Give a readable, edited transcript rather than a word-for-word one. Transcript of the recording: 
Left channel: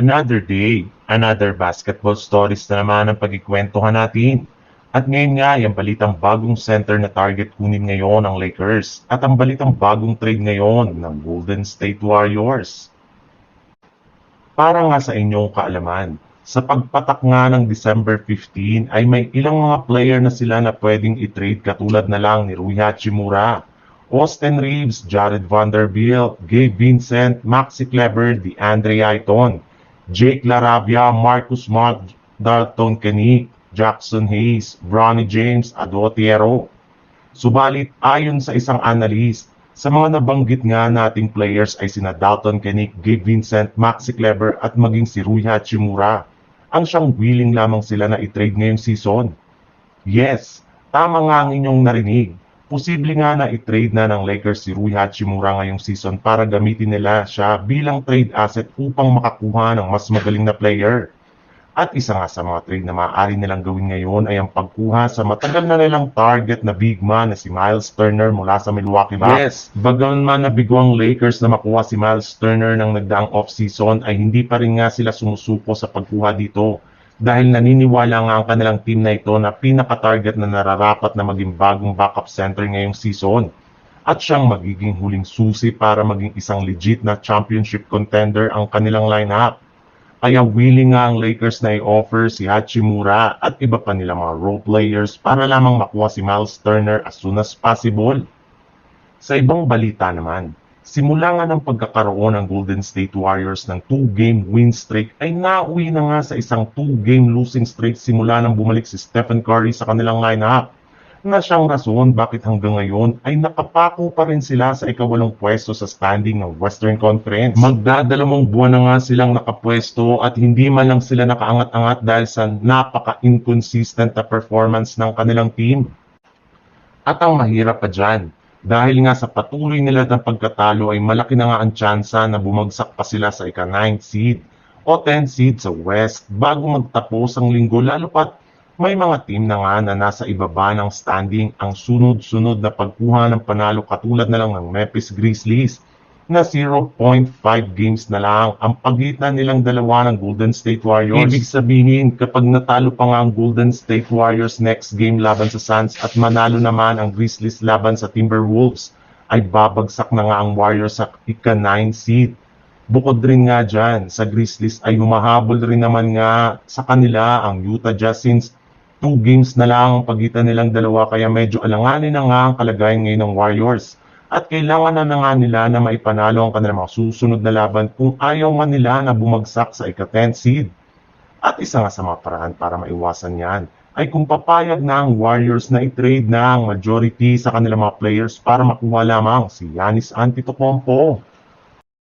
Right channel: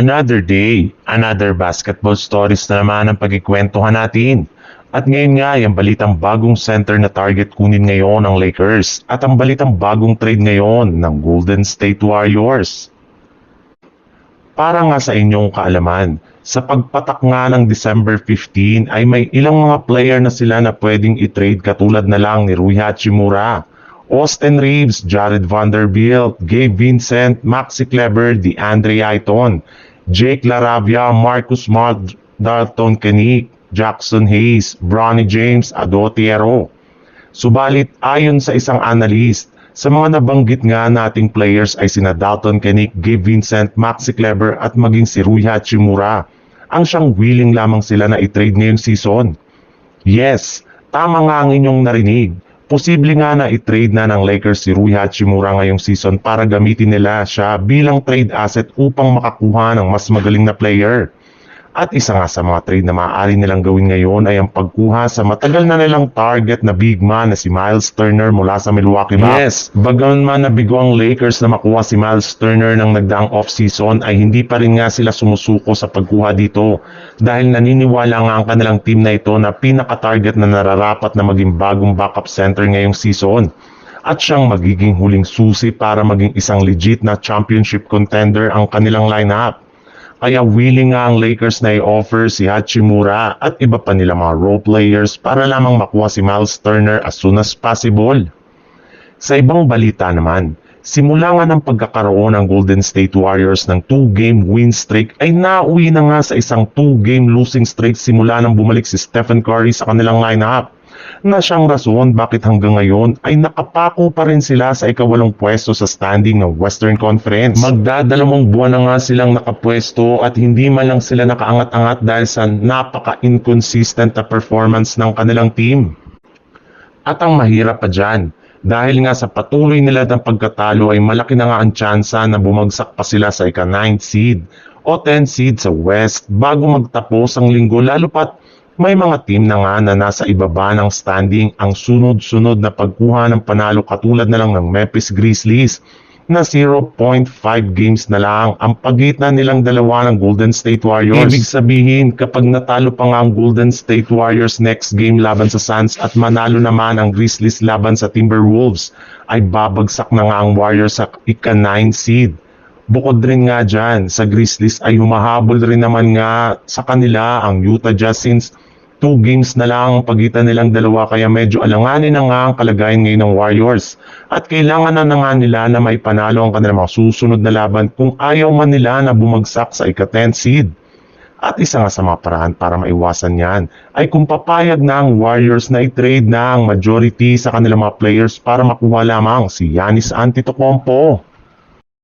Another day, another basketball stories na naman ang pagkikwentuhan natin. At ngayon nga, yung balitang bagong center na target kunin ngayon ng Lakers at ang balitang bagong trade ngayon ng Golden State Warriors. Para nga sa inyong kaalaman, sa pagpatak nga ng December 15 ay may ilang mga player na sila na pwedeng i-trade katulad na lang ni Rui Hachimura, Austin Reeves, Jared Vanderbilt, Gabe Vincent, Maxi Kleber, DeAndre Ayton, Jake LaRavia, Marcus Smart, Dalton Kenick, Jackson Hayes, Bronny James, Adotiero. Subalit ayon sa isang analyst, sa mga nabanggit nga nating players ay sina Dalton Kenick, Gabe Vincent, Maxi Kleber at maging si Rui Hachimura ang siyang willing lamang sila na i-trade ngayong season. Yes, tama nga ang inyong narinig. Posible nga na i-trade na ng Lakers si Rui Hachimura ngayong season para gamitin nila siya bilang trade asset upang makakuha ng mas magaling na player. At isa nga sa mga trade na maaari nilang gawin ngayon ay ang pagkuha sa matagal na nilang target na big man na si Miles Turner mula sa Milwaukee Bucks. Yes, bagaman man nabigo ang Lakers na makuha si Miles Turner ng nagdaang off-season ay hindi pa rin nga sila sumusuko sa pagkuha dito dahil naniniwala nga ang kanilang team na ito na pinaka-target na nararapat na maging bagong backup center ngayong season at siyang magiging huling susi para maging isang legit na championship contender ang kanilang lineup. Kaya willing nga ang Lakers na i-offer si Hachimura at iba pa nila mga role players para lamang makuha si Miles Turner as soon as possible. Sa ibang balita naman, simula nga ng pagkakaroon ng Golden State Warriors ng 2-game win streak ay nauwi na nga sa isang 2-game losing streak simula nang bumalik si Stephen Curry sa kanilang lineup. Na siyang rason bakit hanggang ngayon ay nakapako pa rin sila sa ika-8 pwesto sa standing ng Western Conference. Magdadalawang buwan na nga silang nakapwesto at hindi man lang sila nakaangat-angat dahil sa napaka-inconsistent na performance ng kanilang team. At ang mahirap pa dyan, dahil nga sa patuloy nila ng pagkatalo ay malaki na nga ang tsansa na bumagsak pa sila sa ika-9th seed o 10th seed sa West bago magtapos ang linggo, lalo pat may mga team na nga na nasa ibaba ng standing ang sunod-sunod na pagkuha ng panalo katulad na lang ng Memphis Grizzlies na 0.5 games na lang ang pagitan nilang dalawa ng Golden State Warriors. Ibig sabihin, kapag natalo pa nga ang Golden State Warriors next game laban sa Suns at manalo naman ang Grizzlies laban sa Timberwolves, ay babagsak na nga ang Warriors sa ika-9 seed. Bukod rin nga dyan, sa Grizzlies ay humahabol rin naman nga sa kanila ang Utah Jazz since 2 games na lang ang pagitan nilang dalawa kaya medyo alanganin na nga ang kalagayan ngayon ng Warriors. At kailangan na nga nila na maipanalo ang kanilang mga susunod na laban kung ayaw man nila na bumagsak sa ika-10th seed. At isa nga sa mga paraan para maiwasan yan ay kung papayag na ang Warriors na i-trade na ang majority sa kanilang mga players para makuha lamang si Giannis Antetokounmpo.